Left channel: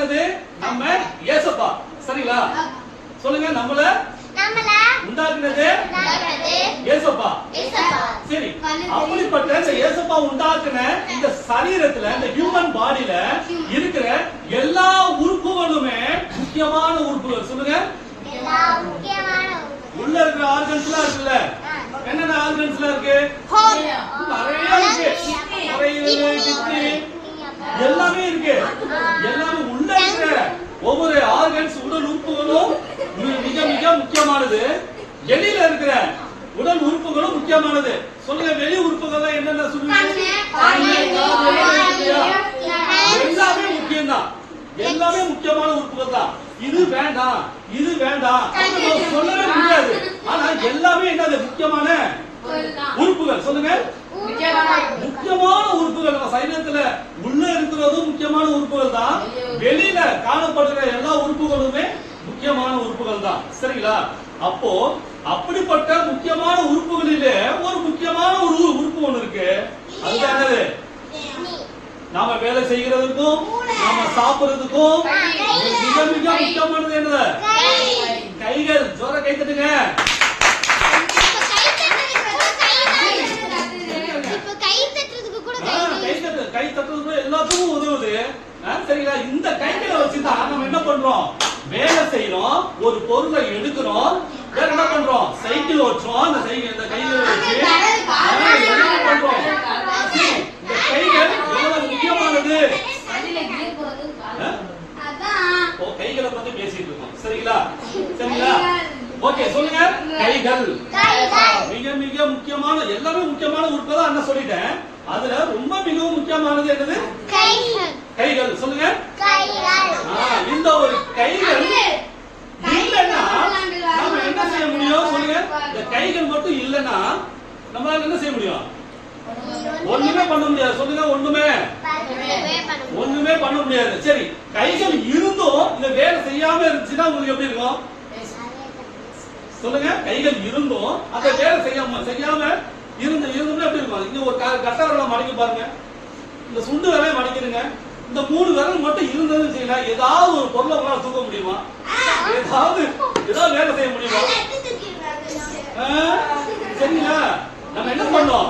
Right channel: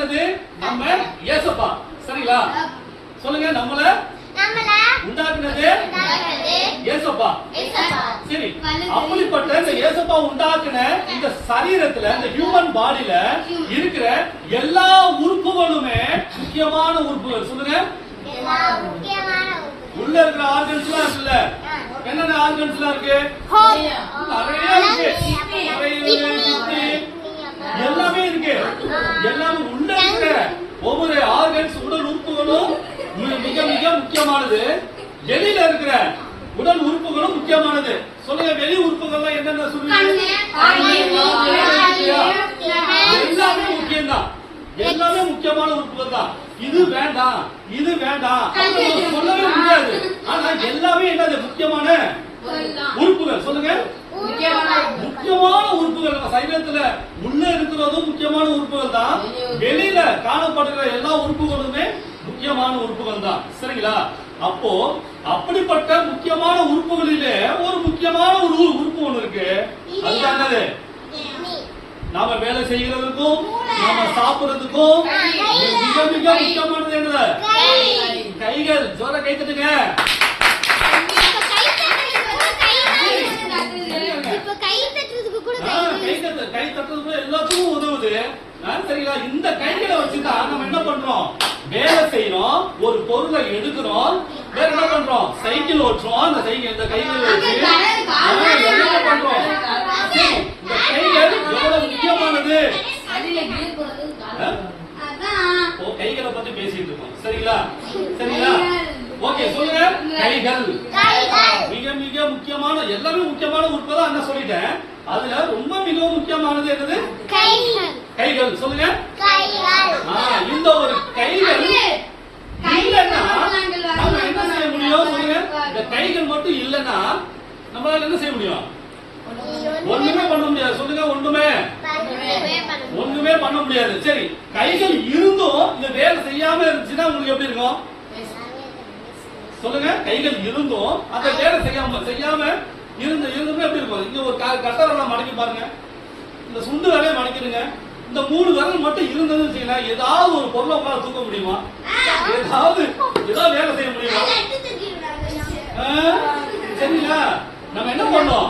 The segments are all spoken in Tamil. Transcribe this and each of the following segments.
உண்டாக்குனது நம்ம ஏசப்பா சரிங்களா? சொல்லுங்க நம்மள உண்டாக்குனது ஏசப்பா இயேசுப்பா. சரி அப்படிப்பட்ட இந்த ஏசப்பா உண்டாக்குன இந்த சரீரத்துல இந்த ஹியூமன் பாடியில இருக்கிற எல்லா உறுப்புகளுமே முக்கியமான உறுப்புகள். சொல்லுங்க. உள்ள இருக்கிற ஆர்கன்ஸ் எல்லாம் இருக்குல்ல. என்னென்ன ஆர்கன்ஸ் எல்லாம் இருக்கு. நிறைய இருக்கு. எல்லாமே இருக்கு. எல்லாமே இருக்கிற ஒவ்வொரு ஆர்கன்ஸ் உடல் உறுப்புகளும் மிக மிக மிக முக்கியமானது. வெளியில இருக்கிற உடல் உறுப்புகளும் முக்கியமானது. சொல்லுங்க வெளி உறுப்புகள் என்னென்ன சொல்லுங்க எல்லாமே முக்கியம்தான். எல்லாமே முக்கியமான உறுப்புகள் தான் இது வேண்டாம் இது வேண்டாம். சொல்லவே முடியாது. ஆனா எல்லாமே என்னது? முக்கியமான உறுப்புகள். சொல்லுங்க. முக்கியமான உறுப்புகள். நம்ம சரீரத்துல உள்ள இருக்கிறதும் முக்கியமான உறுப்புகள் தான். வெளியில காணப்படுகிற எல்லா உறுப்புகளுமே முக்கியமான உறுப்புகள் தான். சரிங்களா? அப்போ அப்படிப்பட்ட முக்கியமான உறுப்புகளிலே ஒரு முக்கியமான ஒரு உறு- உறுப்பு ஒண்ணு இருக்கு. என்னது? நாம வேலை செய்கிறதுக்கும் நாம சாப்பிடுறதுக்கும் மிக மிக முக்கியமானது என்னது? கைகள். ஜோர கை தட்டுங்க இப்ப கை தட்டுறதுக்கு கூட ஆ, கை கை தட்டு கை தட்டுறது எல்லாத்துக்கும் உதவுது. சரிங்களா இந்த கைகளை வச்சுதான் நம்ம என்ன பண்றோம்? வேலை செய்யறோம் ஒரு பொருளை எடுக்கிறோம். வேற என்ன பண்றோம்? சைக்கிள் ஓட்டுறோம். அந்த சைக்கிள் இந்த கைகளை வச்சு என்ன பண்றோம்? இந்த கைகள் எவ்வளவு முக்கியமானது? ஓ கைகளை பத்தி பேசிட்டு இருக்கோம். சரிங்களா? சரிங்களா? ஓகே சொல்லுங்க. கைகள். மிக மிக முக்கியமான எல்லாமே முக்கியமான உறுப்பு தான் நான் சொல்லிட்டேன். அதுல ரொம்ப மிகவும் முக்கியமானது என்னது? கைகள். சொல்லுங்க. இந்த ஒரு கைகள் இல்லைன்னா நாம என்ன செய்ய முடியும்? சொல்லுங்க. இந்த கைகள் மட்டும் இல்லைன்னா நம்மளால என்ன செய்ய முடியும்? ஒண்ணுமே பண்ண முடியாது. சொல்லுங்க ஒண்ணுமே. ஒண்ணுமே பண்ண முடியாது. சரி கைகள் இருந்தும் இந்த வேலை செய்யாம இருந்துச்சுன்னா உங்களுக்கு எப்படி இருக்கும்? சொல்லுங்க கைகள் இருந்தும் அந்த வேலை செய்யாம செய்யாம இருந்து இருந்துமே எப்படி இருக்கும்? இங்க ஒரு க- கட்டை விரலை மடக்கி பாருங்க. இந்த சுண்டு விரலை மடக்கிடுங்க இந்த மூணு விரல் மட்டும் இருந்ததுன்னு செய்யல ஏதாவது ஒரு பொருளை உங்களால தூக்க முடியுமா? ஏதாவது ஏதாவது வேலை செய்ய முடியுமா? சரிங்களா? நம்ம என்ன பண்ணோம்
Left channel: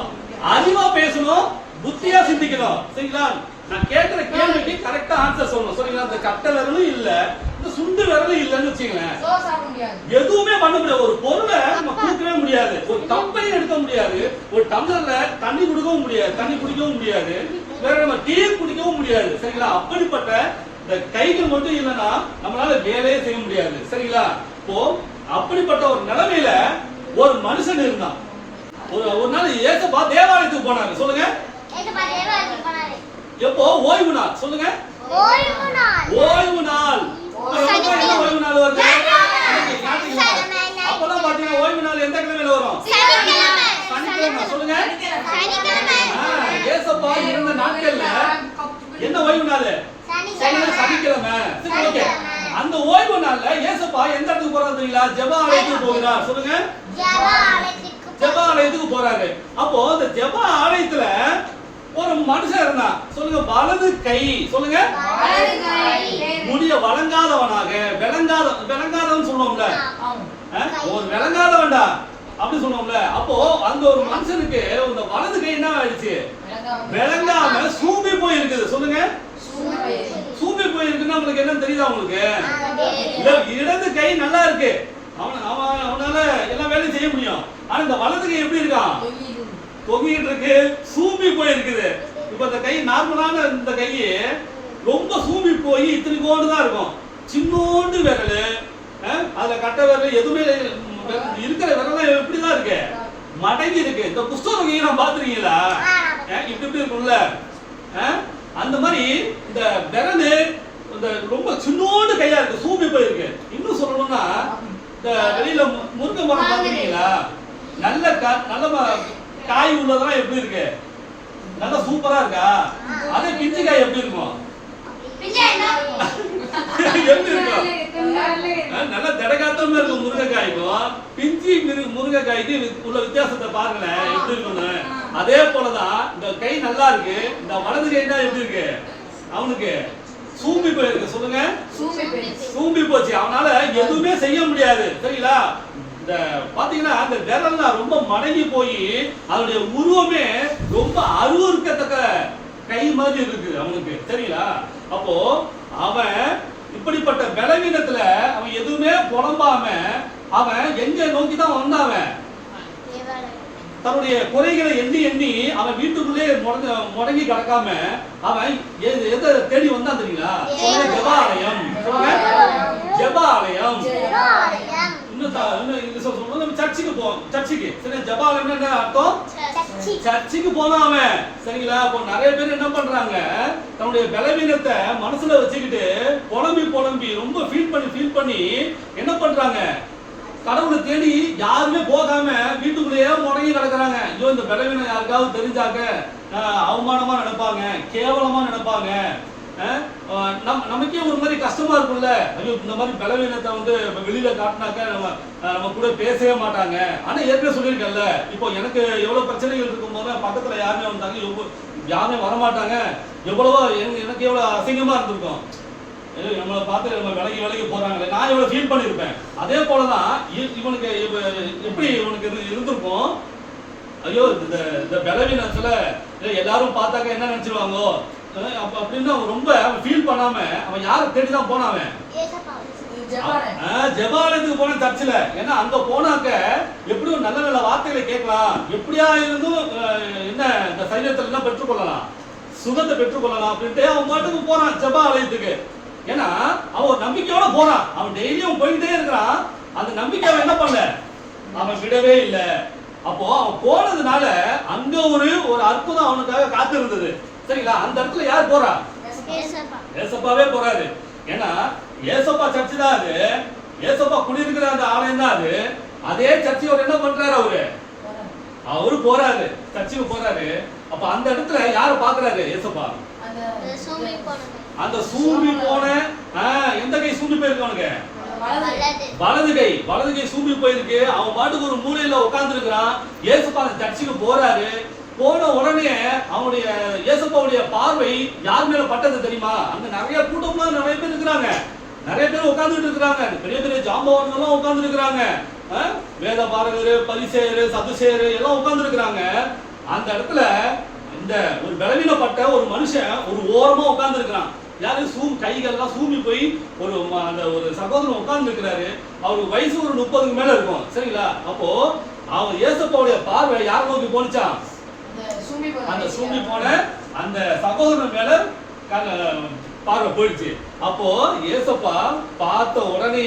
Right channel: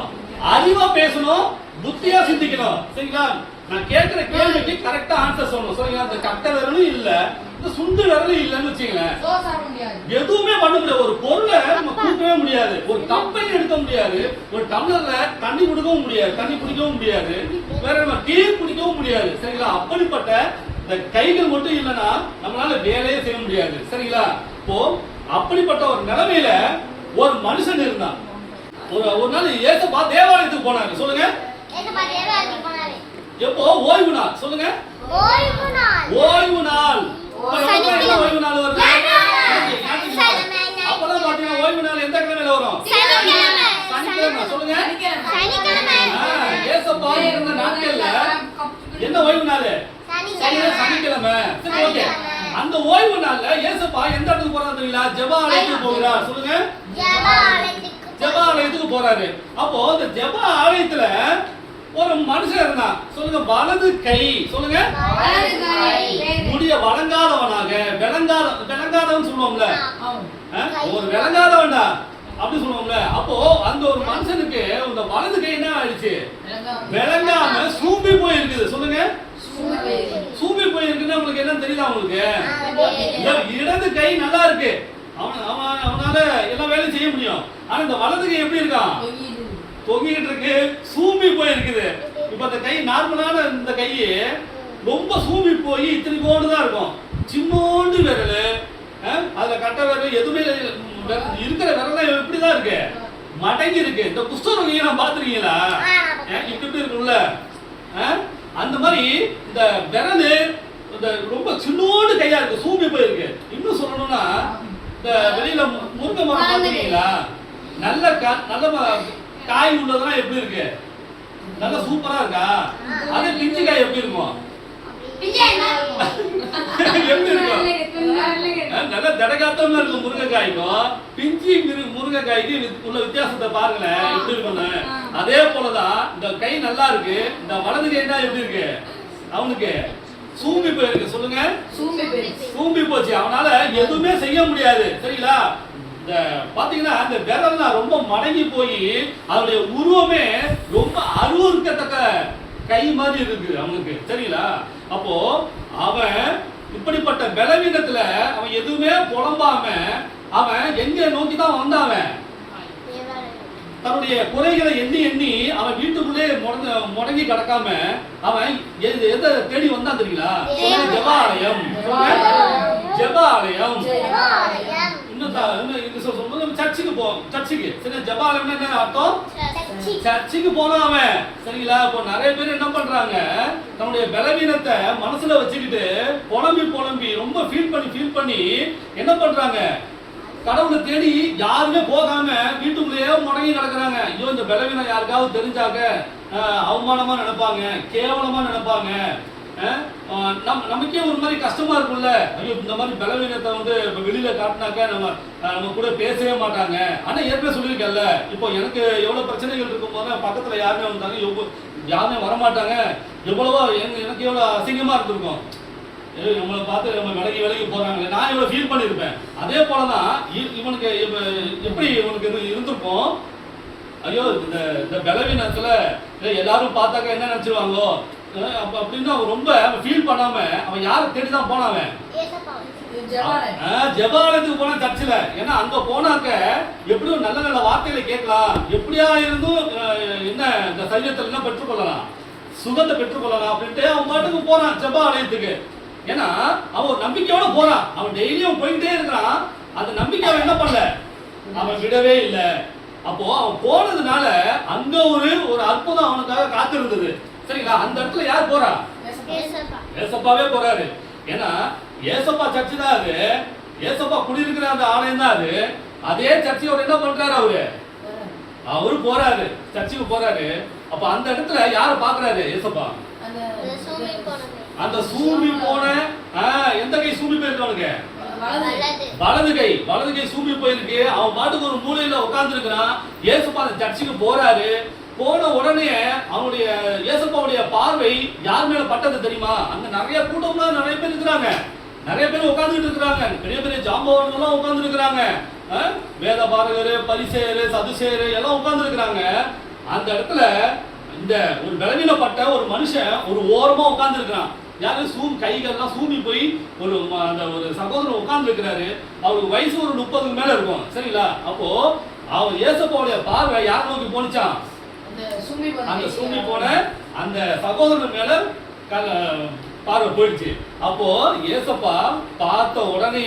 அறிவா பேசணும் புத்தியா சிந்திக்கணும். சரிங்களா? நான் கேட்கிற கேள்விக்கு கரெக்டா ஆன்சர் சொல்லணும். சரிங்களா? இந்த கட்ட விரலும் இல்ல இந்த சுண்டு விரலும் இல்லன்னு வச்சுங்களேன் எதுவுமே பண்ண முடியாது. ஒரு பொருளை நம்ம தூக்கவே முடியாது. ஒரு கப்பை எடுக்க முடியாது. ஒரு டம்ளர்ல தண்ணி குடிக்கவும் முடியாது. தண்ணி குடிக்கவும் முடியாது. வேற நம்ம டீ குடிக்கவும் முடியாது. சரிங்களா? அப்படிப்பட்ட இந்த கைகள் மட்டும் இல்லைன்னா நம்மளால வேலையே செய்ய முடியாது. சரிங்களா? இப்போ அப்படிப்பட்ட ஒரு நிலைமையில ஒரு மனுஷன் இருந்தான். ஒரு ஒரு நாள் ஏசப்பா தேவாலயத்துக்கு போனாங்க சொல்லுங்க. எப்போ? ஓய்வு நாள். சொல்லுங்க. ஓய்வு நாள். ஓய்வு நாள். வருது. அப்பதான் பாத்தீங்கன்னா ஓய்வு நாள் எந்த கிழமையில வரும்? சனிக்கிழமை. சொல்லுங்க ஏசப்பா இருந்த நாட்கள்ல என்ன ஓய்வு நாள்? சனி சனிக்கிழமை. சரி ஓகே. அந்த ஓய்வு நாள்ல ஏசப்பா எந்த இடத்துக்கு போறாரு தெரியுங்களா? ஜெப ஆலயத்துக்கு போகிறார் சொல்லுங்க. ஜெப ஆலயத்துக்கு போறாரு. அப்போ அந்த ஜெப ஆலயத்துல ஒரு மனுஷன் இருந்தான். சொல்லுங்க வலது கை. சொல்லுங்க. முடிய வழங்காதவனாக விளங்காத விளங்காதவன் சொல்லுவோம்ல. ஒரு விளங்காதவன்டா. அப்படி சொல்லுவோம்ல. அப்போ அந்த ஒரு மனுஷனுக்கு இந்த வலது கை என்ன ஆயிடுச்சு? விளங்காம. சூம்பி போய் இருக்குது சொல்லுங்க. சூம்பி போய் இருக்குன்னா உங்களுக்கு என்ன தெரியுதா உங்களுக்கு? இடது கை நல்லா இருக்கு. அவன் அவன் அவனால எல்லா வேலையும் செய்ய முடியும். ஆனா இந்த வலது கை எப்படி இருக்கான் தொங்கிட்டு இருக்கு. சூம்பி போய் இருக்குது இப்ப இந்த கை நார்மலான இந்த கை ரொம்ப சூம்பி போய் இத்தனை கோண்டு தான் இருக்கும். சின்னோண்டு விரல் அதுல கட்டை விரல் எதுவுமே இருக்கிற விரலாம் எப்படிதான் இருக்கு. மடங்கி இருக்கு. இந்த குஷ்டரோகியை நான் பாத்துருக்கீங்களா இப்படி இப்படி இருக்கும்ல? அந்த மாதிரி இந்த விரல் இந்த ரொம்ப சின்னோண்டு கையா இருக்கு. சூம்பி போயிருக்கு. இன்னும் சொல்லணும்னா இந்த வெளியில முருங்கை மரம் பாத்துருக்கீங்களா நல்ல நல்ல காய் உள்ளதெல்லாம் எப்படி இருக்கு? நல்லா சூப்பரா இருக்கா? அதே பிஞ்சு காய் எப்படி இருக்கும்? நல்ல தடகாத்தமா இருக்கும் முருங்கைக்காய்க்கும் பிஞ்சி மிரு- முருங்கைக்காய்க்கு உள்ள வித்தியாசத்தை பாருங்களேன் எப்படி இருக்கும்னு. அதே போலதான் இந்த கை நல்லா இருக்கு இந்த வலது கை தான் எப்படி இருக்கு? அவனுக்கு சூம்பி போயிருக்கு சொல்லுங்க. சூம்பி போச்சு. அவனால எதுவுமே செய்ய முடியாது. சரிங்களா? இந்த பாத்தீங்கன்னா அந்த விரல்லாம் ரொம்ப மடங்கி போய் அவனுடைய உருவமே ரொம்ப அருவருக்கத்தக்க கை மாதிரி இருக்கு அவனுக்கு. சரிங்களா அப்போ அவன் இப்படிப்பட்ட பலவீனத்துல அவன் எதுவுமே புலம்பாம அவன் எங்க நோக்கி தான் வந்தாவன் தன்னுடைய குறைகளை எண்ணி எண்ணி அவன் வீட்டுக்குள்ளே முடங்க முடங்கி கிடக்காம அவன் எதை தேடி வந்தான் தெரியுங்களா ஜெபாலயம் ஜெபாலயம் இன்னும் இது சொல்லும்போது நம்ம சர்ச்சுக்கு போ சர்ச்சுக்கு. சரி என்ன அர்த்தம்? சர்ச்சுக்கு அவன். சரிங்களா? இப்போ நிறைய பேர் என்ன பண்றாங்க? தன்னுடைய பலவீனத்தை மனசுல வச்சுக்கிட்டு புலம்பி புலம்பி ரொம்ப ஃபீல் பண்ணி ஃபீல் பண்ணி என்ன பண்றாங்க? கடவுளை தேடி யாருமே போகாம வீட்டுக்குள்ளேயே முடங்கி கிடக்குறாங்க ஐயோ இந்த பலவீனம் யாருக்காவது தெரிஞ்சாக்க அவமானமா நினைப்பாங்க கேவலமா நினைப்பாங்க. நம் நமக்கே ஒரு மாதிரி கஷ்டமா இருக்கும்ல. ஐயோ இந்த மாதிரி பலவீனத்தை வந்து வெளியில காட்டினாக்க நம்ம நம்ம கூட பேசவே மாட்டாங்க. ஆனா ஏற்கனவே சொல்லியிருக்கேன்ல இப்போ எனக்கு எவ்வளவு பிரச்சனைகள் இருக்கும் போது பக்கத்துல யாருமே வந்தாங்க எவ்வளவு யாருமே வரமாட்டாங்க. எவ்வளவோ எனக்கு எவ்வளவு அசிங்கமா இருந்திருக்கும். ஏய், நம்மளை பார்த்து நம்ம விலகி விலகி போறாங்களே. நான் இவ்வளவு ஃபீல் பண்ணியிருப்பேன். அதே போலதான் இ- இவனுக்கு எப்படி இவனுக்கு இது இருந்திருக்கும்? ஐயோ இந்த இந்த பலவீனத்துல ஏய், எல்லாரும் பார்த்தாக்க என்ன நினைச்சிருவாங்கோ? அப்படின்னு ரொம்ப ஃபீல் பண்ணாம அவன் யாரை தேடி தான் போனான் அவன் ஜெபாலயத்துக்கு போன சர்ச்சில் ஏன்னா அங்க போனாக்க எப்படியும் நல்ல நல்ல வார்த்தைகளை கேட்கலாம். எப்படியா இருந்தும் என்ன இந்த சரீரத்தில் என்ன பெற்றுக்கொள்ளலாம். சுகத்தை பெற்றுக்கொள்ளலாம் அப்படின்ட்டு அவன் பாட்டுக்கு போறான் ஜெபாலயத்துக்கு. ஏன்னா அவன் நம்பிக்கையோட போறான். அவன் டெய்லியும் போயிட்டே இருக்கிறான். அந்த நம்பிக்கை அவன் என்ன பண்ணல? அவன் விடவே இல்லை. அப்போ அவன் போனதுனால அங்க ஒரு ஒரு அற்புதம் அவனுக்காக காத்திருந்தது. சரிங்களா அந்த இடத்துல யார் போறா? ஏசப்பா. ஏசப்பா ஏசப்பாவே போறாரு. ஏன்னா ஏசப்பா சர்ச்சு தான் அது. ஏசப்பா குடியிருக்கிற அந்த ஆலயம் தான் அது. அதே சர்ச்சையோட என்ன பண்றாரு அவரு. அவரு போறாரு. சர்ச்சுக்கு போறாரு. அப்ப அந்த இடத்துல யார பாக்குறாரு ஏசப்பா? அந்த சூமி போன எந்த கை சூம்பி போயிருக்கு அவனுக்கு வலது. கை. வலது கை சூம்பி போயிருக்கு. அவன் பாட்டுக்கு ஒரு மூலையில உட்கார்ந்து இருக்கிறான் ஏசப்பா அந்த சர்ச்சுக்கு போறாரு. போன உடனே அவனுடைய இயேசப்பாவுடைய பார்வை யார் மேல பட்டது தெரியுமா? அங்க நிறைய கூட்டம்லாம் நிறைய பேர் இருக்கிறாங்க. நிறைய பேர் உட்கார்ந்துட்டு இருக்கிறாங்க. பெரிய பெரிய ஜாம்பவான்கள் உட்கார்ந்து இருக்கிறாங்க. வேத பாரகரு பரிசேரு சதுசேரு எல்லாம் உட்கார்ந்து இருக்கிறாங்க. அந்த இடத்துல இந்த ஒரு பலவீனப்பட்ட ஒரு மனுஷன் ஒரு ஓரமா உட்கார்ந்து இருக்கிறான். யாரு? சூம் கைகள்லாம் சூமி போய் ஒரு ம- அந்த ஒரு சகோதரன் உட்கார்ந்து இருக்கிறாரு. அவருக்கு வயசு ஒரு முப்பதுக்கு மேல இருக்கும். சரிங்களா? அப்போ அவன் ஏசப்பாவுடைய பார்வை யார் நோக்கி போனிச்சான் அந்த சூமி போன அந்த சகோதரன் மேல பார்வை போயிடுச்சு. அப்போ ஏசப்பா பார்த்த உடனே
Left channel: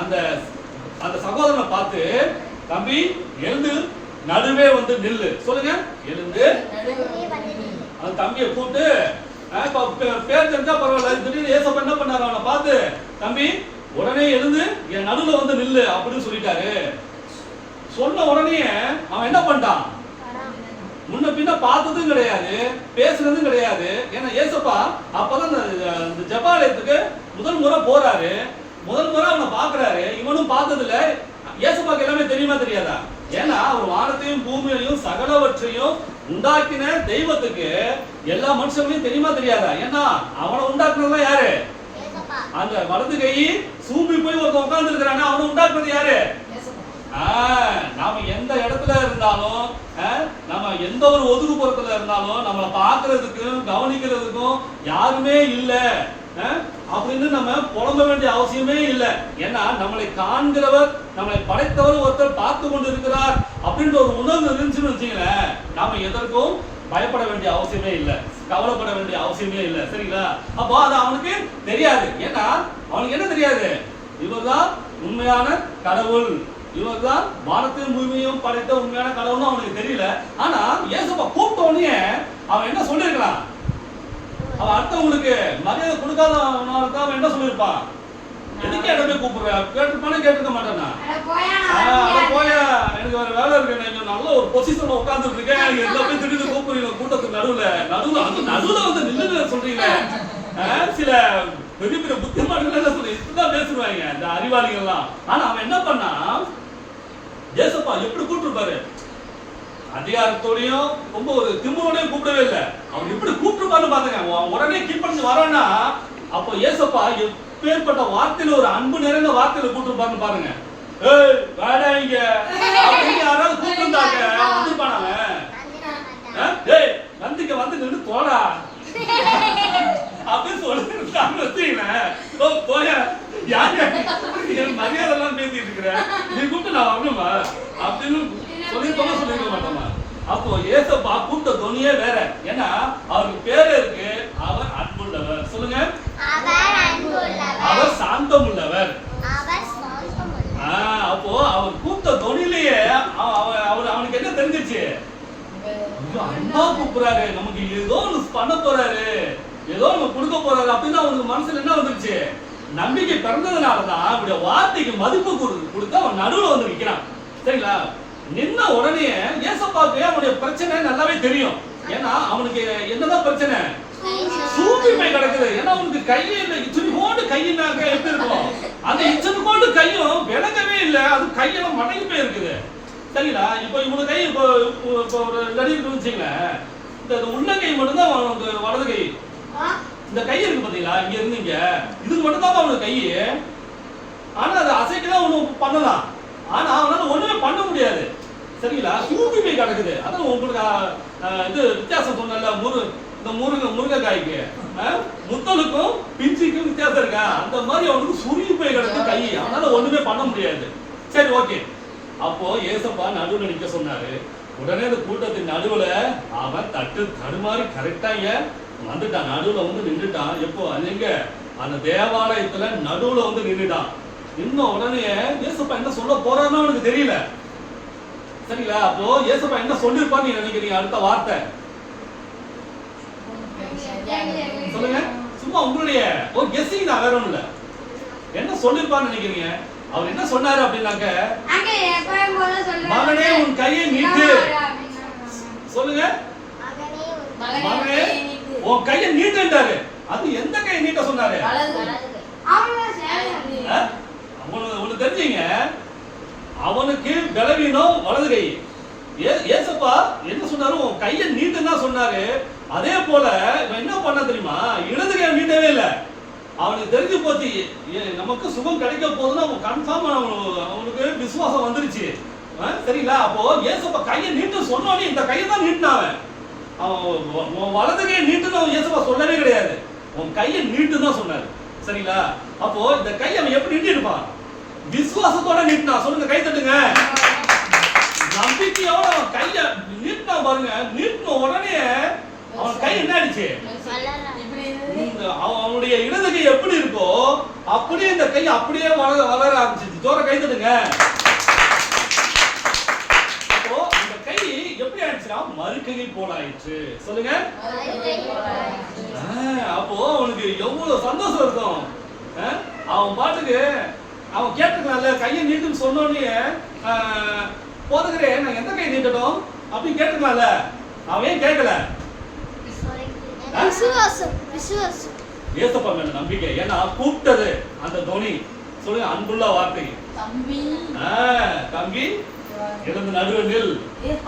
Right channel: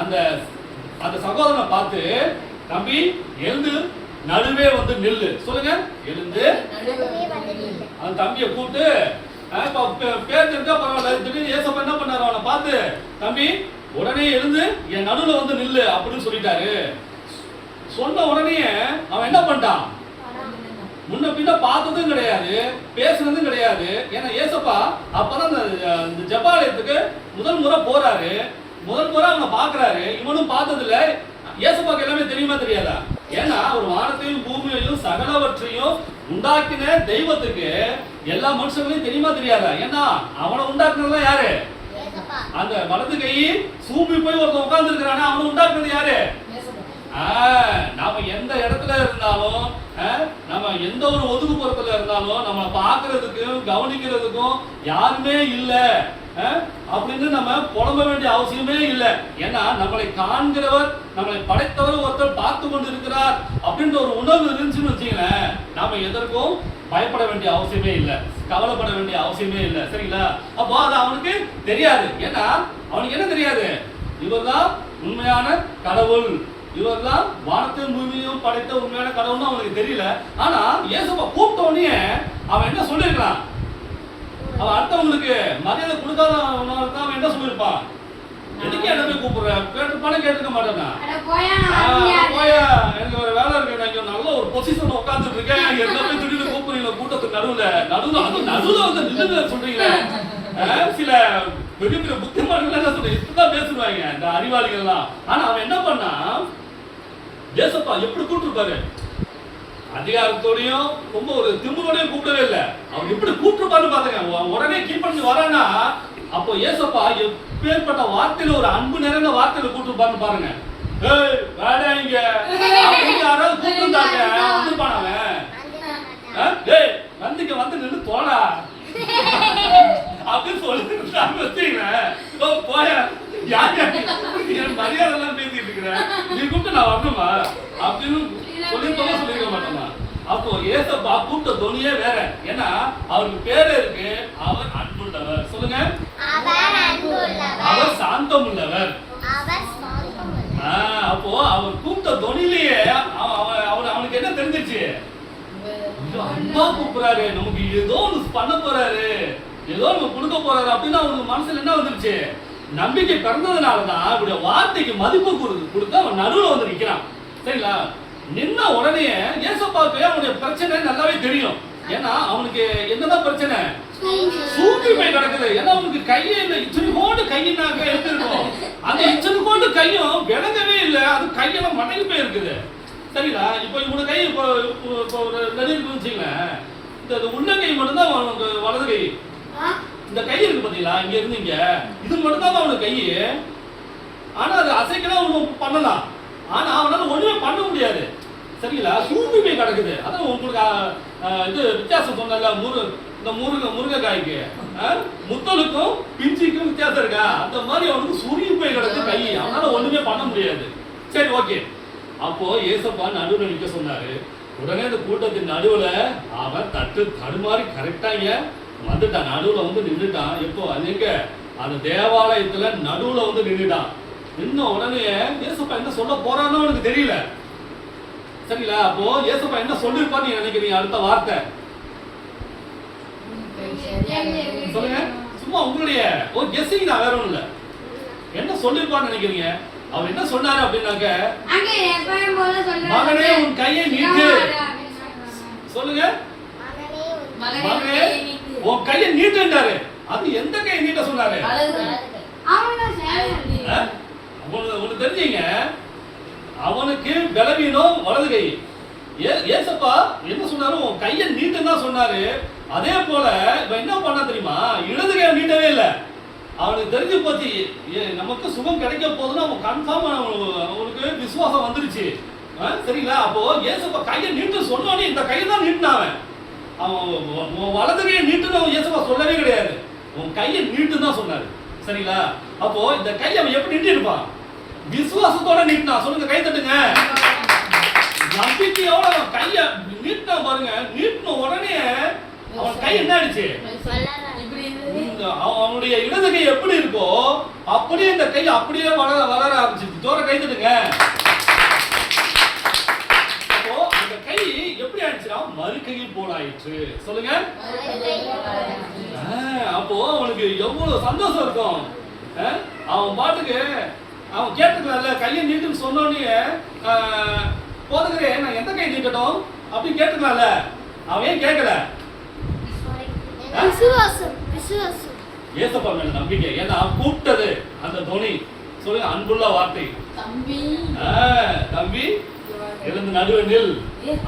அந்த அந்த சகோதரனை பார்த்து தம்பி எழுந்து நடுவே வந்து நில்லு. சொல்லுங்க. எழுந்து. அந்த தம்பியை கூப்பிட்டு பேர் தெரிஞ்சா பரவாயில்ல. திடீர்னு ஏசப்பா என்ன பண்ணாரு? அவனை பார்த்து தம்பி உடனே எழுந்து என் நடுவுல வந்து நில்லு. அப்படின்னு சொல்லிட்டாரு. சொன்ன உடனே அவன் என்ன பண்ணிட்டான்? முன்ன பின்ன பார்த்ததும் கிடையாது பேசுனதும் கிடையாது. ஏன்னா ஏசப்பா அப்பதான் இந்த ஜபாலயத்துக்கு முதல் முறை போறாரு. முதல் முறை அவனை பார்க்கறாரு. இவனும் பார்த்ததில்ல. ஏசப்பாக்கு எல்லாமே தெரியுமா தெரியாதா? ஏன்னா அவர் வானத்தையும் பூமியையும் சகலவற்றையும் உண்டாக்கின தெய்வத்துக்கு எல்லா மனுஷங்களையும் தெரியுமா தெரியாதா? ஏன்னா அவனை உண்டாக்குனதுலாம் யாரு? அந்த வலது கை சூப்பி போய் ஒருத்தன் உட்கார்ந்து இருக்கிறானா அவனை உண்டாக்குனது யாரு? நாம எந்த இடத்துல இருந்தாலும் ஆ, நம்ம எந்த ஒரு ஒதுக்குப்புறத்துல இருந்தாலும் நம்மளை பார்க்கறதுக்கும் கவனிக்கிறதுக்கும் யாருமே இல்லை. ஆ, அப்படின்னு நம்ம புலம்ப வேண்டிய அவசியமே இல்லை. ஏன்னா நம்மளை காண்கிறவர் நம்மளை படைத்தவர் ஒருத்தர் பார்த்து கொண்டு இருக்கிறார் அப்படின்ற ஒரு உணர்வு இருந்துச்சுன்னு வச்சுங்களேன் நாம எதற்கும் பயப்பட வேண்டிய அவசியமே இல்லை. கவலைப்பட வேண்டிய அவசியமே இல்லை. சரிங்களா? அப்போ அது அவனுக்கு தெரியாது. ஏன்னா அவனுக்கு என்ன தெரியாது? இவர்தான் உண்மையான கடவுள். இவர்தான் வானத்தையும் பூமியையும் படைத்த உண்மையான கடவுள்னு அவனுக்கு தெரியல. ஆனா இயேசுப்பா கூப்பிட்ட உடனே அவன் என்ன சொல்லியிருக்கிறான்? அவன் அடுத்தவங்களுக்கு மரியாதை கொடுக்காதவனால தான் அவன் என்ன சொல்லியிருப்பான்? எதுக்கு போய் கூப்பிடுற? கேட்டிருப்பானே கேட்டிருக்க மாட்டேனா அட போயா, எனக்கு வேற வேலை இருக்கு. நான் இங்க நல்ல ஒரு பொசிஷன்ல உட்கார்ந்துட்டு இருக்கேன். எந்த போய் திடீர்னு கூப்பிடுறீங்க? கூட்டத்துக்கு நடுவுல. நடுவுல அது நடுவுல வந்து நில்லுங்க சொல்றீங்களே. ஆ, சில பெரிய பெரிய புத்திமான்கள் என்ன சொல்றீங்க இப்படிதான் பேசுவாங்க இந்த அறிவாளிகள்லாம். ஆனா அவன் என்ன பண்ணா ஏசப்பா எப்படி கூப்பிட்டுருப்பாரு? அதிகாரத்தோடையும் ரொம்ப ஒரு திமுறோடையும் கூப்பிடவே இல்லை. அவர் எப்படி கூப்பிட்டுருப்பாரு பாத்துங்க உடனே கீழ்படிச்சு வரானா அப்போ ஏசப்பா எப்பேற்பட்ட வார்த்தையில ஒரு அன்பு நிறைந்த வார்த்தையில கூட்டு பாருங்க. ஏய் வேடா இங்க. யாராவது கூப்பிட்டுருந்தாங்க. வந்துருப்பான் அவன்? ஆ? ஏய் நந்திக்க வந்து நின்று போடா. அப்படின்னு சொல்லிருந்தாங்க வச்சுங்களேன் ஓ போய. யார் மரியாதை எல்லாம் பேசிட்டு இருக்கிற. நீ கூப்பிட்டு நான் வரணுமா? அப்படின்னு சொல்லிருக்கோமா சொல்லிருக்க மாட்டோமா அப்போ ஏசப்பா கூப்பிட்ட துணியே வேற. ஏன்னா அவருக்கு பேரே இருக்கு அவர் அன்புள்ளவர். சொல்லுங்க. அவர் சாந்தம் உள்ளவர் அப்போ அவர் கூப்பிட்ட தொனிலேயே அவர் அவனுக்கு என்ன தெரிஞ்சிச்சு? அன்பா கூப்பிடுறாரு. நமக்கு ஏதோ ஒண்ணு பண்ண போறாரு. ஏதோ ஒண்ணு கொடுக்க போறாரு. அப்படின்னு அவனுக்கு மனசுல என்ன வந்துருச்சு? நம்பிக்கை பிறந்ததுனாலதான் அவருடைய வார்த்தைக்கு மதிப்பு கொடுத்து அவன் நடுவில் வந்து நிக்கிறான். சரிங்களா? நின்ன உடனே ஏசப்பாவுக்கு அவனுடைய பிரச்சனை நல்லாவே தெரியும். ஏன்னா அவனுக்கு என்னதான் பிரச்சனை? சூப்பிமை கிடக்குது. ஏன்னா அவனுக்கு கையே இல்லை. இத்தனை கோண்டு கையினாக்க எப்படி அந்த இத்தனை கையும் விளங்கவே இல்லை. அது கையெல்லாம் மடங்கி போய் இருக்குது இப்போ இவனு கை இப்போ இப்போ ஒரு நடிகர் இந்த இந்த உள்ளங்கை மட்டும்தான் அவனுக்கு வலது கை. இந்த கை இருக்கு பாத்தீங்களா? இங்க இருந்து இங்க. இது மட்டும்தான் அவனுக்கு கை. ஆனா அது அசைக்கலாம் ஒண்ணு பண்ணலாம். ஆனா அவனால ஒண்ணுமே பண்ண முடியாது. சரிங்களா? சூப்பி போய் கிடக்குது. அதான் உங்களுக்கு இது வித்தியாசம் சொன்னல முரு இந்த முருங்க முருங்கைக்காய்க்கு. முத்தலுக்கும் பிஞ்சிக்கும் வித்தியாசம் இருக்கா? அந்த மாதிரி அவனுக்கு சுருங்கி போய் கிடக்கு கை. அவனால ஒண்ணுமே பண்ண முடியாது. சரி ஓகே. அப்போ ஏசப்பா நடுவுல நிக்க சொன்னாரு. உடனே இந்த கூட்டத்தின் நடுவுல அவன் தட்டு தடுமாறி கரெக்டாங்க. வந்துட்டான். நடுவுல வந்து நின்றுட்டான் எப்போ? அது எங்க? அந்த தேவாலயத்துல நடுவுல வந்து நின்றுட்டான் நின்ன உடனே ஏசப்பா என்ன சொல்ல போறான்னு அவனுக்கு தெரியல. சரிங்களா? அப்போ ஏசப்பா என்ன சொல்லிருப்பான்னு நினைக்கிறீங்க? அடுத்த வார்த்தை. சொல்லுங்க. சும்மா உங்களுடைய ஒரு கெஸ்ஸிங் தான் வேற ஒண்ணும் இல்ல என்ன சொல்லிருப்பான்னு நினைக்கிறீங்க? அவர் என்ன சொன்னாரு அப்படின்னாக்க. மகனே, உன் கையை நீட்டு. சொல்லுங்க. உன் கையை நீட்டுன்றாரு அது எந்த கையை நீட்ட சொன்னாரு? உனக்கு தெரிஞ்சீங்க. அவனுக்கு பலவீனம் வலது கை. ஏசப்பா என்ன சொன்னாரு? உன் கையை நீட்டுன்னு தான் சொன்னாரு. அதே போல இவன் என்ன பண்ண தெரியுமா? இடது கையை நீட்டவே இல்லை. அவனுக்கு தெரிஞ்சு போச்சு. ஏ, நமக்கு சுகம் கிடைக்க போகுதுன்னு அவன் கன்ஃபார்ம் அவனுக்கு விசுவாசம் வந்துருச்சு. ஆ, சரிங்களா? அப்போ ஏசப்பா கையை நீட்டு சொன்னோடனே இந்த கையை தான் நீட்டினான் அவன் உன் உன் வலது கையை நீட்டுன்னு அவன் இயேசுவா சொல்லவே கிடையாது. உன் கையை நீட்டு தான் சொன்னாரு. சரிங்களா? அப்போ இந்த கையை அவன் எப்படி நீட்டிருப்பான் விசுவாசத்தோட நீட்டினா சொல்லுங்க கை தட்டுங்க. நம்பிக்கையோட அவன் கைய நீட்டினா பாருங்க. நீட்டின உடனே அவன் கை என்ன ஆயிடுச்சு? அவனுடைய இடது கை எப்படி இருக்கோ அப்படியே இந்த கை அப்படியே வளர வளர ஆரம்பிச்சிருச்சு. தோற கை தட்டுங்க அப்போ அந்த கை எப்படி ஆயிடுச்சுன்னா மறுக்கையை போல ஆயிடுச்சு சொல்லுங்க அப்போ அவனுக்கு எவ்வளவு சந்தோஷம் இருக்கும்? அவன் பாட்டுக்கு அவன் கேட்டுக்கலாம்ல கையை நீட்டுன்னு சொன்னோடனே போதுகிறே நான் எந்த கை நீட்டட்டும் அப்படின்னு கேட்டுக்கலாம்ல அவன் ஏன் கேட்கல? ஏசப்பா மேல நம்பிக்கை. ஏன்னா கூப்பிட்டது அந்த துணி. சொல்லுங்க அன்புள்ள வார்த்தை. தம்பி. தம்பி. எழுந்து நடுவு நில்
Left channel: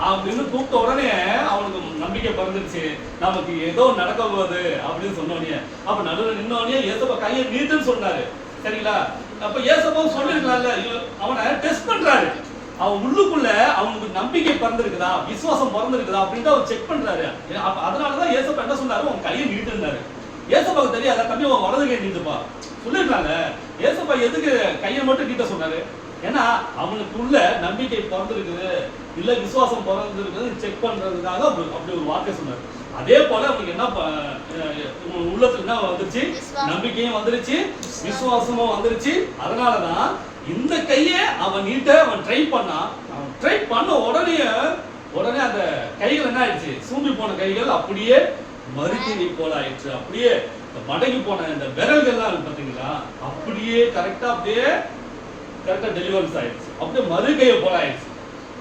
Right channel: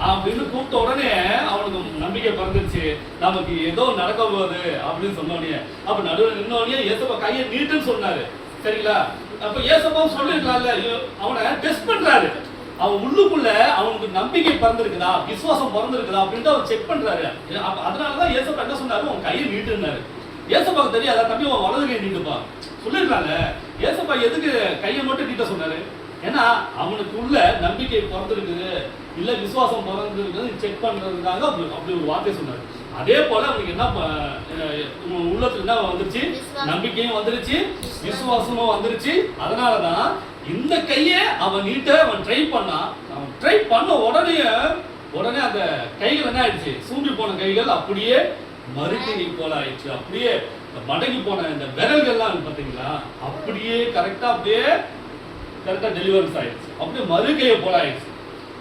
அப்படின்னு கூப்பிட்ட உடனே அவனுக்கு நம்பிக்கை பிறந்துச்சு நமக்கு ஏதோ நடக்க போகுது அப்படின்னு சொன்ன உடனே அப்ப நடுவில் நின்ன உடனே ஏசப்பா கையை நீட்டுன்னு சொன்னாரு. சரிங்களா? அப்ப ஏசப்பாவும் சொல்லிருக்கலாம்ல அவனை டெஸ்ட் பண்றாரு. அவன் உள்ளுக்குள்ள அவனுக்கு நம்பிக்கை பிறந்திருக்குதா? விசுவாசம் பிறந்திருக்குதா? அப்படின்ட்டு அவர் செக் பண்றாரு. அதனாலதான் ஏசப்பா என்ன சொன்னாரு? உன் கையை நீட்டுனாரு ஏசப்பாவுக்கு தெரியாதா? தம்பி உன் வலது கை நீட்டுப்பா. சொல்லிருக்கலாம்ல ஏசப்பா எதுக்கு கையை மட்டும் நீட்ட சொன்னாரு? ஏன்னா அவனுக்குள்ள நம்பிக்கை பிறந்திருக்குது. இல்ல விசுவாசம் பிறந்திருக்குது செக் பண்றதுக்காக அப்படி ஒரு வார்த்தை சொன்னாரு. அதே போல அவனுக்கு என்ன உள்ளத்துல என்ன வந்துருச்சு. நம்பிக்கையும் வந்துருச்சு விசுவாசமும் வந்துருச்சு. அதனாலதான் இந்த கையை அவன் நீட்ட அவன் ட்ரை பண்ணான் அவன் ட்ரை பண்ண உடனே உடனே அந்த கைகள் என்ன ஆயிடுச்சு? சூம்பி போன கைகள் அப்படியே மறுக்கையை போல ஆயிடுச்சு. அப்படியே மடங்கி போன இந்த விரல்கள்லாம் இருக்கு பாத்தீங்களா? அப்படியே கரெக்டா அப்படியே கரெக்டாக டெலிவரிஸ் ஆயிடுச்சு. அப்படியே மறுக்கையை போல ஆயிடுச்சு.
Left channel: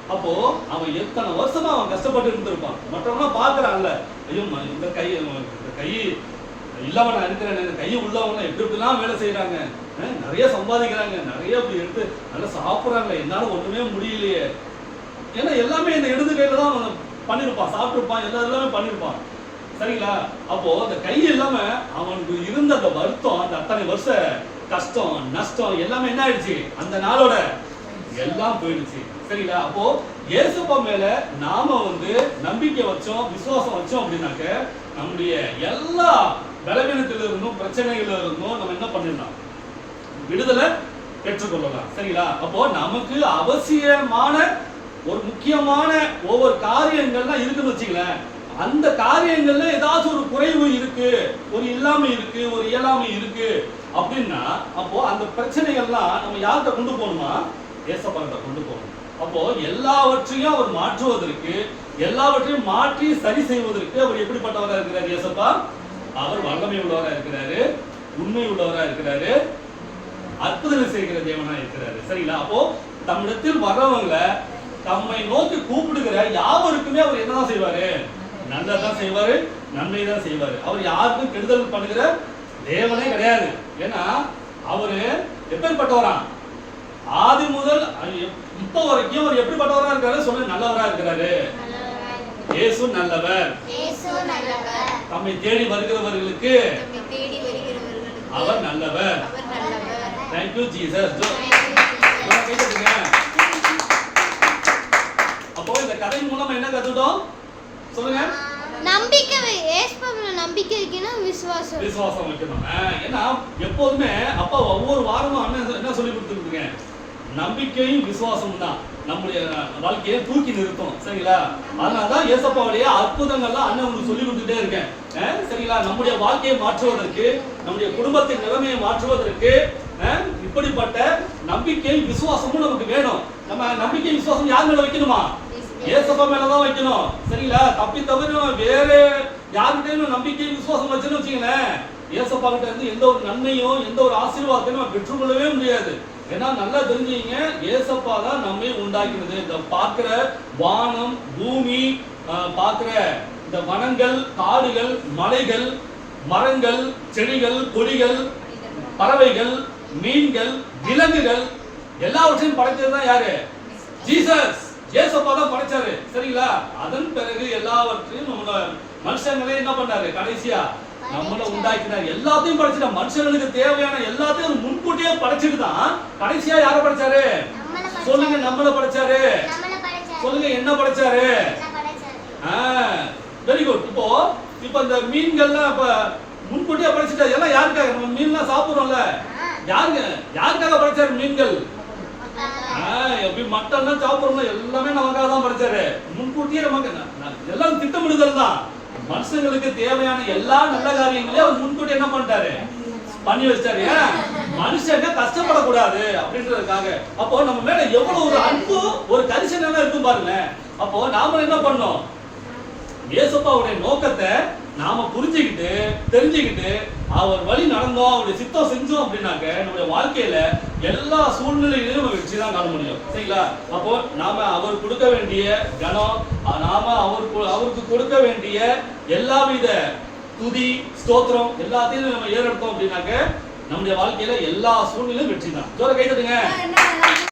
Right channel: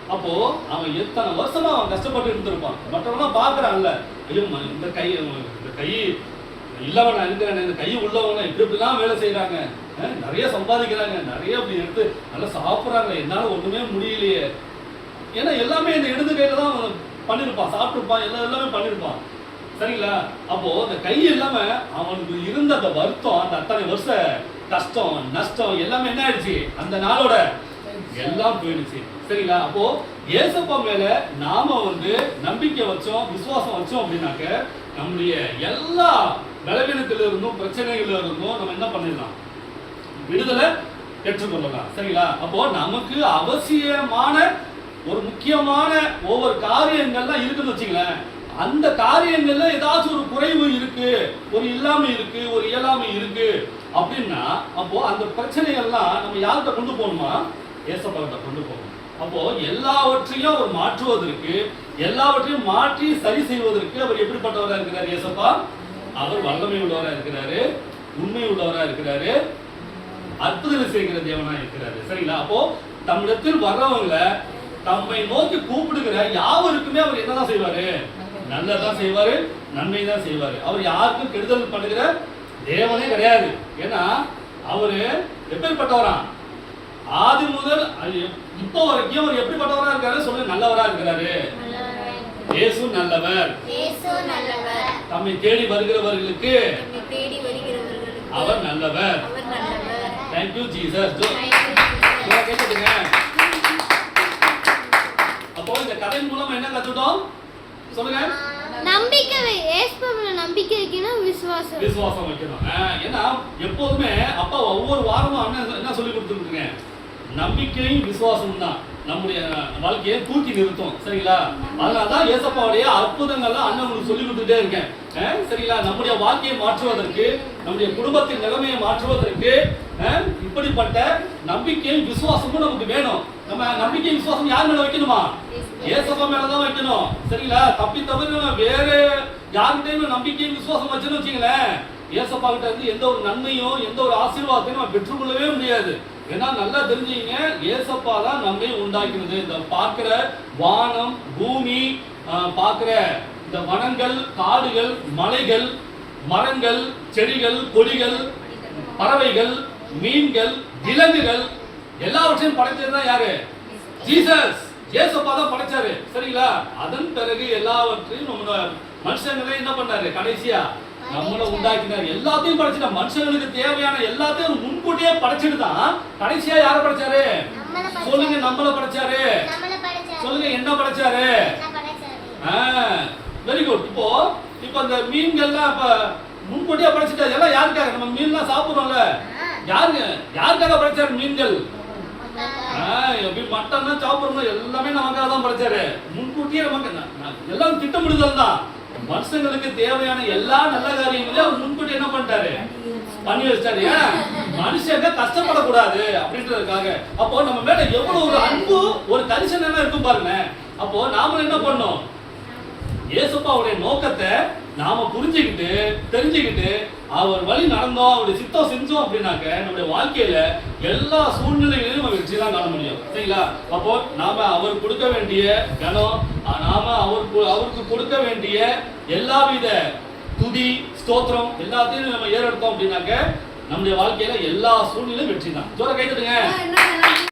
அப்போ அவன் எத்தனை வருஷமா அவன் கஷ்டப்பட்டு இருந்திருப்பான்? மற்றவங்க பாக்குறான்ல ஐயோ ம- இந்த கை இந்த கை இல்லாம நான் இருக்கிறேன் இந்த கை உள்ளவங்க இப்படி இப்படிலாம் வேலை செய்யறாங்க நிறைய சம்பாதிக்கிறாங்க. நிறைய அப்படி எடுத்து நல்லா சாப்பிடுறாங்க. என்னால ஒண்ணுமே முடியலையே. ஏன்னா எல்லாமே இந்த இடது கையில தான் அவன் பண்ணிருப்பான். சாப்பிட்டுருப்பான். எல்லாம் எல்லாமே பண்ணிருப்பான். சரிங்களா? அப்போ அந்த கை இல்லாம அவனுக்கு இருந்த அந்த வருத்தம் அந்த அத்தனை வருஷ கஷ்டம் நஷ்டம் எல்லாமே என்ன ஆயிடுச்சு அந்த நாளோட எல்லாம் போயிடுச்சு. சரிங்களா? அப்போ இயேசுப்பா மேல நாம வந்து நம்பிக்கை வச்சோம் விசுவாசம் வச்சோம் அப்படின்னாக்க நம்முடைய எல்லா பலவீனத்தில இருந்தும் பிரச்சனைகள்ல இருந்தும் நம்ம என்ன பண்ணிடலாம்? விடுதலை பெற்றுக்கொள்ளலாம். சரிங்களா? அப்போ நமக்கு அவசியமான ஒரு முக்கியமான ஒவ்வொரு காரியங்கள்லாம் இருக்குன்னு வச்சுங்களேன். அந்த காரியங்கள்ல ஏதாச்சும் ஒரு குறைவு இருக்கு ஒரு இல்லாமை இருக்கு ஒரு இயலாமை இருக்கு. அப்படின்னா அப்போ அந்த பிரச்சனைகள்லாம் நம்ம யார்கிட்ட கொண்டு போகணுமா? ஏசப்பாக்கிட்ட கொண்டு போகணும். அப்போ எல்லாவற்றையும் அவர் மாற்றுவதற்கு எல்லாவற்றையும் மாற்றி சரி செய்வதற்கு அவர் எப்படிப்பட்டவரா இருக்கிறார் ஏசப்பா? அவர் வல்லமை உள்ளவரா இருக்கிறாரு உண்மை உள்ளவரா இருக்கிறாரு அற்புதம் செய்கிற தேவனா இருக்கிறாரு. சரிங்களா? அப்போ தம்மிடத்தில் வர்றவங்கள தம்மை நோக்கி கூப்பிடுகிற யாவருக்குமே அவர் என்னதான் செய்வாரு? நல்லதான் செய்வாரு நன்மை தான் செய்வாரு. அவர் யாருக்கும் கெடுதல் பண்ணுகிற தேவனே கிடையாது. ஏன்னா அவரு எப்பேற்பட்டவரா ஆதி முதல் இப்போ வரைக்கும் அவர் எப்படிப்பட்டவரா இருக்காரு? சொல்லு நல்லவரா இருக்கிறாரு. இயேசு நல்லவர். தம்மை தேடி வருகிறவர்களுக்கு அவர் நல்லவர். தேங்க்யூ ஜீசஸ் கேட்டுங்க அப்போ இந்த கதை மூலம் என்ன கத்துட்டோம் சொல்லுங்க. நம்பிக்கை வை- நம்பிக்கை வைக்கணும் விசுவாசம். விசுவாசம் வைக்கணும். ஏன்னா எப்போதுமே அப்பா ஒவ்வொரு வாரமும் அண்ணன் என்ன சொல்லி கொடுத்துருக்கீங்க? நம்பிக்கையும் விசுவாசம் தான். நம்முடைய வாழ்க்கையை தூக்கி நிறுத்தும். சரிங்களா? அதனாலதான் ஏசப்பாவுடைய அற்புதங்கள்லாம் அண்ணன் உங்களுக்கு சொல்லி கொடுத்துட்டே இருக்கேன். சரிங்களா? நம்முடைய வாழ்க்கையை மாற்றுவதற்கு நம்முடைய குடும்பத்தின் நிலைமையை மாற்றுவதற்கு இப்படிப்பட்ட நம்பிக்கையும் விசுவாசமும் நமக்கு வேணும். நம்ம நம்பிக்கை விசுவாசம் யார் மேல வைக்கணுமா? ஏசப்பா மேலதான் வைக்கணும். சரிங்களா? தப்பி தவிர வேற யாருக்கிட்டையும் நம்பிக்கையும் விசுவாசம் வச்சுன்னு வச்சுங்களேன் ஏசப்பா கிட்ட இருந்து எந்த ஒரு நன்மையும் எந்த ஒரு ஆசீர்வாதத்தையும் நம்ம பெற்றுக்கொள்ளவே முடியாது. ஏன்னா நல்லா தெரிஞ்சுங்க ஏசப்பா தான் நம்மை உண்டாக்கினது. இந்த பார்க்கிற வானம் பூமி பார்க்கிற இந்த வனங்கள் காடுகள் மலைகள் மரங்கள் செடிகள் கொடிகள் பறவைகள் மீன்கள் விலங்குகள் எல்லாவற்றையும் படைத்தது தான் யாரு? ஜீசஸ். ஏசப்பா தான் படைச்சாரு. சரிங்களா? அதன் பிறகு எல்லாவற்றையும் நம்ம மனுஷங்களே என்ன பண்ணாரு? கடைசியா நம்மள உண்டாக்கினார். எல்லாத்தையும் படைச்சிட்டா மனுஷங்களுக்கு தேவையான எல்லாத்தையும் முன்கூட்டியே படைச்சிட்டு தான் கடைசியா யாரை படைச்சாரு. சொல்லுங்க நம்மள படைச்சாரு. சொல்லுங்க என்ன படைச்சாரு? வெரி குட் இப்போ இப்போ இந்த மீன்கள்லாம் இப்ப முன்கூட்டியே படைச்சிட்டா எல்லாம் யாருக்காக? நம்ம மீன்லாம் சாப்பிடுறோம்ல. யாருங்க? யாருக்காக படைச்சாரு மீன்கள்? நமக்காக. ஆஹ் எப்படி மட்டன்லாம் எல்லாமே நமக்காக தான் படிச்சாரு. முன்கூட்டியே நமக்கு எல்லாம் திட்டமிடுதல் தான் மனுஷங்களுக்கு தேவையான எல்லா நல்ல காரியங்களையும் அவர் முன்கூட்டி என்ன பண்ணிட்டாரு? பண்ணி வச்சாரு ஏன்? மனுஷங்க கஷ்டப்படக்கூடாது அப்படின்றதுக்காக. அப்போ நம்ம மேல எவ்வளவு ஒரு அன்பு ஒரு கரிசனமே இருக்கும் பாருங்க. அப்போ நாம என்ன பண்ணோம்? இயேசுப்பாவுடைய நோக்கத்தை நாம புரிஞ்சுக்கிட்டு தெரிஞ்சுக்கிட்டு அவர் வழி நடந்தோம் அவருடைய சித்தம் செஞ்சோம் அப்படின்னாக்க நம்முடைய வாழ்க்கையில எல்லா சூழ்நிலைகளிலும் நம்ம வெற்றி தான் காண முடியும். சரிங்களா? அப்போ நாம அவர் கொடுக்க வேண்டிய கனம் நாம அவர் அவருக்கு கொடுக்க வேண்டிய எல்லாவித துதி ஸ்தோத்திரம் எல்லாத்தையும் நம்ம ஏறெடுத்தோம் அப்படின்னாக்க நம்முடைய வாழ்க்கையில எல்லா சூழ்நிலையும் வெற்றி தான் ஜோர கைதட்டுங்க